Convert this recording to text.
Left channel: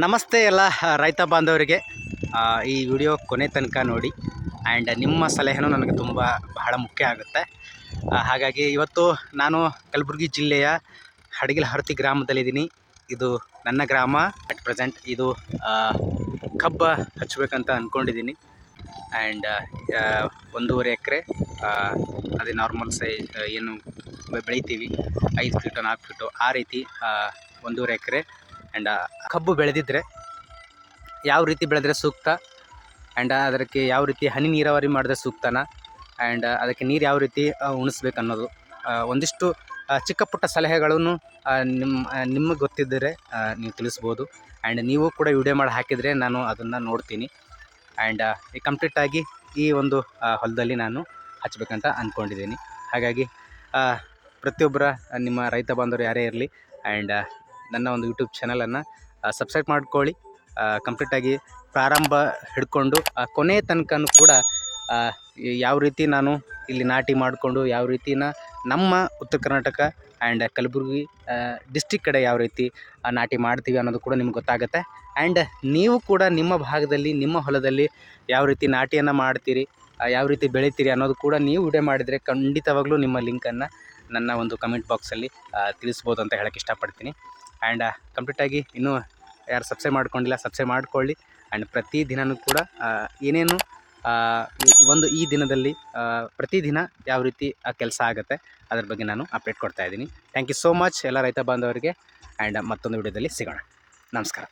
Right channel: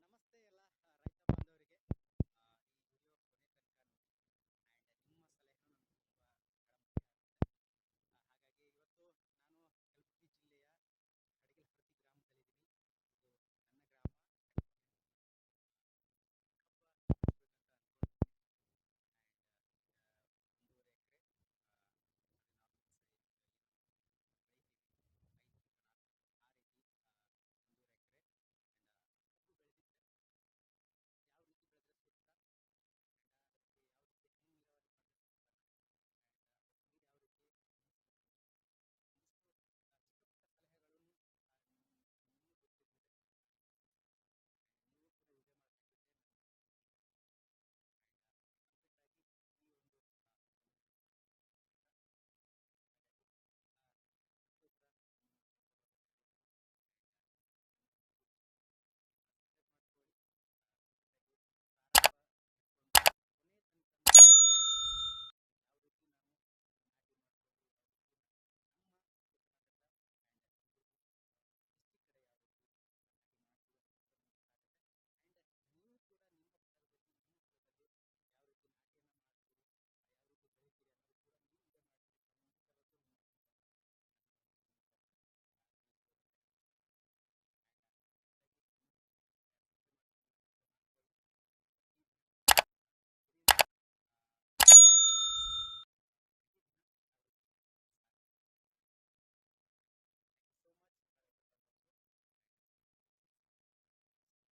ನಮಸ್ತೆ ಎಲ್ಲ ರೈತ ಬಾಂಧವರಿಗೆ. ಈ ವಿಡಿಯೋ ಕೊನೆ ತನಕ ನೋಡಿ. ಆ್ಯಂಡ್ ನಿಮ್ಮ ಸಲಹೆನೂ ನನಗೆ ಬಹಳ ಮುಖ್ಯ ಆಗುತ್ತೆ. ಹಾಗಾಗಿ ಇವತ್ತು ನಾನು ಕಲಬುರಗಿ ಜಿಲ್ಲೆಯ ಹಡಗಿಲಹರ್ತಿ ಗ್ರಾಮದಲ್ಲಿದ್ದೀನಿ. ಇದು ನನ್ನ ಗ್ರಾಮ. ಅಟ್ ಪ್ರೆಸೆಂಟ್ ಇದು ಕಬ್ಬು ಹಚ್ಚಬೇಕಂತ ಅಂದ್ಕೊಂಡಿದ್ದೀನಿ. ಆ್ಯಂಡ್ 1.5 ಎಕರೆ ಅದೇ ನಾರ್ಮಲ್ ಸೈಜ್ ಏನು ಬೆಳಿತೀವಿ 5 ಫೀಟು 4 ಫೀಟು ಆ ರೀತಿ 1.5 ಎಕರೆ. ಆ್ಯಂಡ್ ಕಬ್ಬು ಬೆಳೆದಿದ್ದರೆ ಯಾವ ರೀತಿ ಬೆಳೆದ್ರೆ ಸೂಕ್ತ, ಆ್ಯಂಡ್ ಅದಕ್ಕೆ ಯಾವ ರೀತಿ ಹನಿ ನೀರಾವರಿ ಮಾಡಿದ್ರೆ ಸೂಕ್ತನ, ಆ್ಯಂಡ್ ಅದಕ್ಕೆ ನೀರು ಯಾವ ರೀತಿ ಉಣಿಸ್ಬೇಕು ಅನ್ನೋದು ಒಂದಿಷ್ಟು ಚಿಕ್ಕ ಪುಟ್ಟ ಸಲಹೆಗಳನ್ನು ನಿಮಗೆ ಗೊತ್ತಿದ್ದರೆ ನೀವು ತಿಳಿಸ್ಬೋದು. ಆ್ಯಂಡ್ ನೀವು ಕೂಡ ವಿಡಿಯೋ ಮಾಡಿ ಹಾಕಿದರೆ ನಾನು ಅದನ್ನು ನೋಡ್ತೀನಿ. ಆ್ಯಂಡ್ ಕಂಪ್ಲೀಟಾಗಿ ಈ ಒಂದು ಹೊಲದಲ್ಲಿ ನಾನು ಹಚ್ಚಬೇಕಂತ ಅಂದ್ಕೊಂಡಿದ್ದೀನಿ. ಹಾಗಾಗಿ ಪ್ರತಿಯೊಬ್ಬರ ನಿಮ್ಮ ರೈತ ಬಾಂಧವರು ಯಾರೇ ಇರಲಿ, ಆ್ಯಂಡ್ ನನ್ನ ಒಂದು ಯೂಟ್ಯೂಬ್ ಚಾನಲನ್ನು ಸಬ್ಸ್ಕ್ರೈಬ್ ಮಾಡ್ಕೊಳ್ಳಿ. ಕಂಪ್ಲೀಟಾಗಿ ಪ್ರಾರಂಭ ಹಿಡ್ಕೊಂಡು ಕೊನೆಯ ತನಕನೂ ಕೂಡ ಯಾವ ರೀತಿ ನಾನು ಇಲ್ಲಿ ನಾಟಿ ಮಾಡಿಕೊಂಡು ಯಾವ ರೀತಿನ ನಮ್ಮ ಉತ್ತರ ಕರ್ನಾಟಕ ಆ್ಯಂಡ್ ಕಲಬುರಗಿ ಡಿಸ್ಟಿಕ್ ಕಡೆ ಯಾವ ರೀತಿ ನಾಟಿ ಮಾಡ್ತೀವಿ ಅನ್ನೋದು ಕೂಡ ನಿಮ್ಗೆ ಗೊತ್ತಾಗುತ್ತೆ. ಆ್ಯಂಡ್ ನೀವು ಕೂಡ ನಿಮ್ಮ ಭಾಗದಲ್ಲಿ ನಿಮ್ಮ ಹೊಲದಲ್ಲಿ ಯಾವ ರೀತಿ ನಾಟಿಯನ್ನು ಮಾಡ್ತೀರಿ, ಯಾವ ರೀತಿ ಬೆಳಿತೀರಿ ಅನ್ನೋದು ಕೂಡ ನೀವು ವಿಡಿಯೋ ಮಾಡಿದರೆ ಖಂಡಿತವಾಗ್ಲೂ ನಿಮ್ಮ ಲಿಂಕನ್ನು ನನ್ನ ಒಂದು ಕಮೆಂಟ್ ಬಾಕ್ಸಲ್ಲಿ ತಿಳಿಸ್ಬೋದು ಅಂತ ಹೇಳೋಕ್ಕೆ ಇಷ್ಟಪಡ್ತೀನಿ. ಆ್ಯಂಡ್ ಕಂಪ್ಲೀಟಾಗಿ ಇನ್ನೂ ಯಾರು ಸಬ್ಸ್ಕ್ರೈಬ್ ಮಾಡ್ಕೊಂಡಿಲ್ಲ ಸಬ್ಸ್ಕ್ರೈಬ್ ಮಾಡ್ಕೊಳ್ಳಿ. ಆ್ಯಂಡ್ ಪ್ರತಿದಿನವೂ ಕೂಡ ಏನೇನು ಈ ದಿನದಲ್ಲಿ ಪ್ರತಿದಿನ ಯಾವ ರೀತಿ ಕೆಲಸ ಆಗುತ್ತೆ ಅದ್ರ ಬಗ್ಗೆ ನಾನು ಅಪ್ಡೇಟ್ ಕೊಡ್ತಾಯಿದ್ದೀನಿ. ಥ್ಯಾಂಕ್ ಯು ಸೋ ಮಚ್ ಎಲ್ಲ ರೈತ ಬಾಂಧವರಿಗೆ. ಆ್ಯಂಡ್ ಮತ್ತೊಂದು ವಿಡಿಯೋದಲ್ಲಿ ಸಿಗೋಣ. ನಮಸ್ಕಾರ.